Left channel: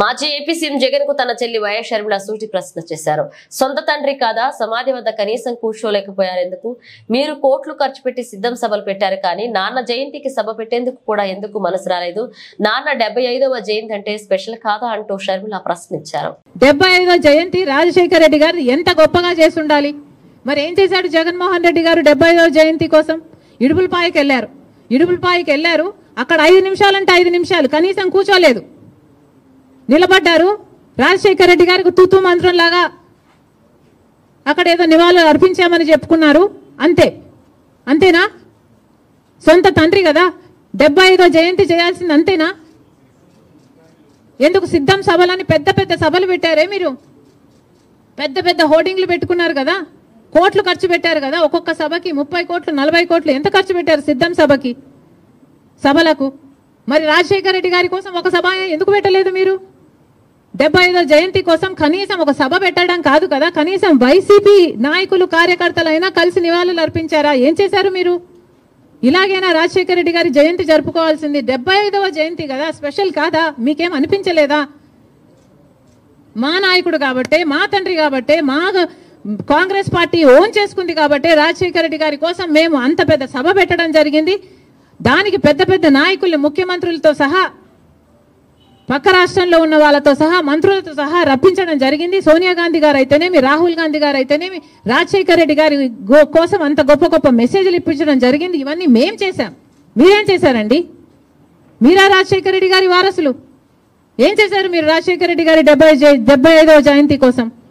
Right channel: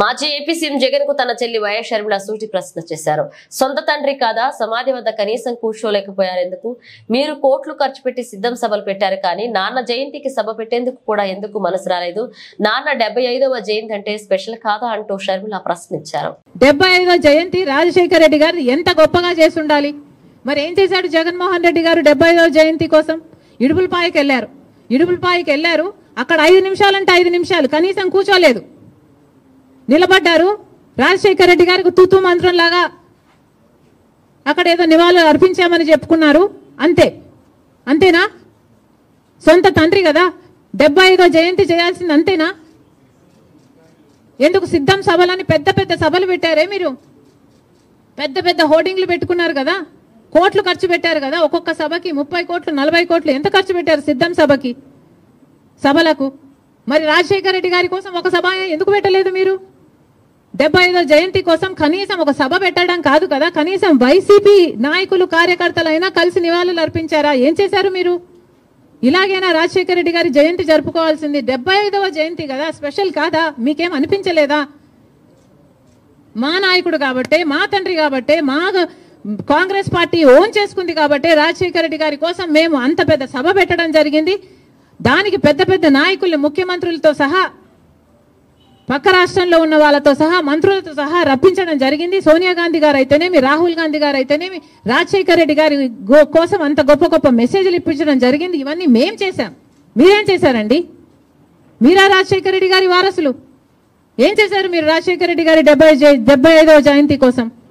మాజీ AP CM Jagan కు తన చెల్లి వైఎస్ షర్మిల సూటి ప్రశ్న చేశారు. సొంత తండ్రి కాదా, సమాధి వద్ద కనీసం కూర్చోలేకపోయారెందుకు? మీరు కోట్లు ఖర్చు పెట్టి సిద్ధం సభలు పెట్టారు, కానీ నాన్న జయంతికి సభ పెట్టేందుకు కూడా ఎందుకు మనసు రాలేదు? నాన్న 75వ జయంతి అంటే స్పెషల్ కాదా అంటూ షర్మిల ప్రశ్నించారు. 75వ జయంతి రాజశేఖర రెడ్డి గారు ఎంత గొప్పగా చేసి ఉండాలి. మరి ఏం చేశాడు జగన్మోహన్ రెడ్డి గారు? 75వ జయంతి కోసం ఇడుపులపాయకి వెళ్లారు. అక్కడ 5 నిమిషాలంటే 5 నిమిషాలు కనీసం కూర్చోలేదు, నిలబడ్డారు. రాజశేఖర రెడ్డి గారికి తూతూ మంత్రం లాగా అక్కడ ఏదో నివాళులు అర్పించామని చెప్పుకున్నారు. అంతేనా? సొంత తండ్రి కదా, 75వ జయంతి చేయాల్సింది అంతేనా? ఎందుకు సిద్ధం సభలని పెద్ద పెద్ద సభలు పెట్టారే మీరు? పెద్ద పెద్ద హోర్డింగ్లు పెట్టుకున్నారు కదా, కోట్లు ఖర్చు పెట్టారు కదా. ఒక్కొక్క సభకి 30 కోట్లు 40 కోట్లు ఎంత ఖర్చు పెట్టారు సిద్ధం సభలకు? మరి రాజశేఖర రెడ్డి గారి కోసం ఒక సభ ఎందుకు పెట్టలేదు మీరు? 75వ జయంతి కోసం కనీసం ఒక సభ పెట్టడం కాదు కదా, కనీసం వైసీపీ నాయకులు కార్యకర్తలైనా కలిసి నివాళులు అర్పించారా? ఏం చేశారు మీరు? ఇలాగైనా రాజశేఖర రెడ్డి గారి జయంతి జరుపుకోవాల్సింది. 75వ జయంతి కదా, స్పెషల్ కాదా? మీకేం అనిపించలేదా? మా నాయకుడు కాబట్టే, మా తండ్రి కాబట్టే, మా కాంగ్రెస్ పార్టీ ఓన్ చేసుకుంది కాబట్టే రాజశేఖర రెడ్డి గారి కోసం మేము అంత పెద్ద సభ పెట్టడం జరిగింది. దానికి పెద్ద పెద్ద నాయకుల్ని, ముఖ్యమంత్రులతో సహా, పక్క రాష్ట్రంలో ఉన్న వాళ్ళతో సహా, మంత్రులతో సహా రప్పించడం జరిగింది. సోనియా గాంధీ గారు అయితేనేమి, రాహుల్ గాంధీ గారు అయితేనేమి, రాజశేఖర రెడ్డి గారి కోసం అంత గొప్ప గొప్ప మెసేజ్లు ఇప్పించడం జరిగింది. ఇవన్నీ మేం చేశాం. మీరేం చేశారండి? మీరా రాజశేఖర రెడ్డి గారి వారసులు? ఏం చేశారు మీరు రాజశేఖర రెడ్డి గారి 75వ జయంతి కోసం?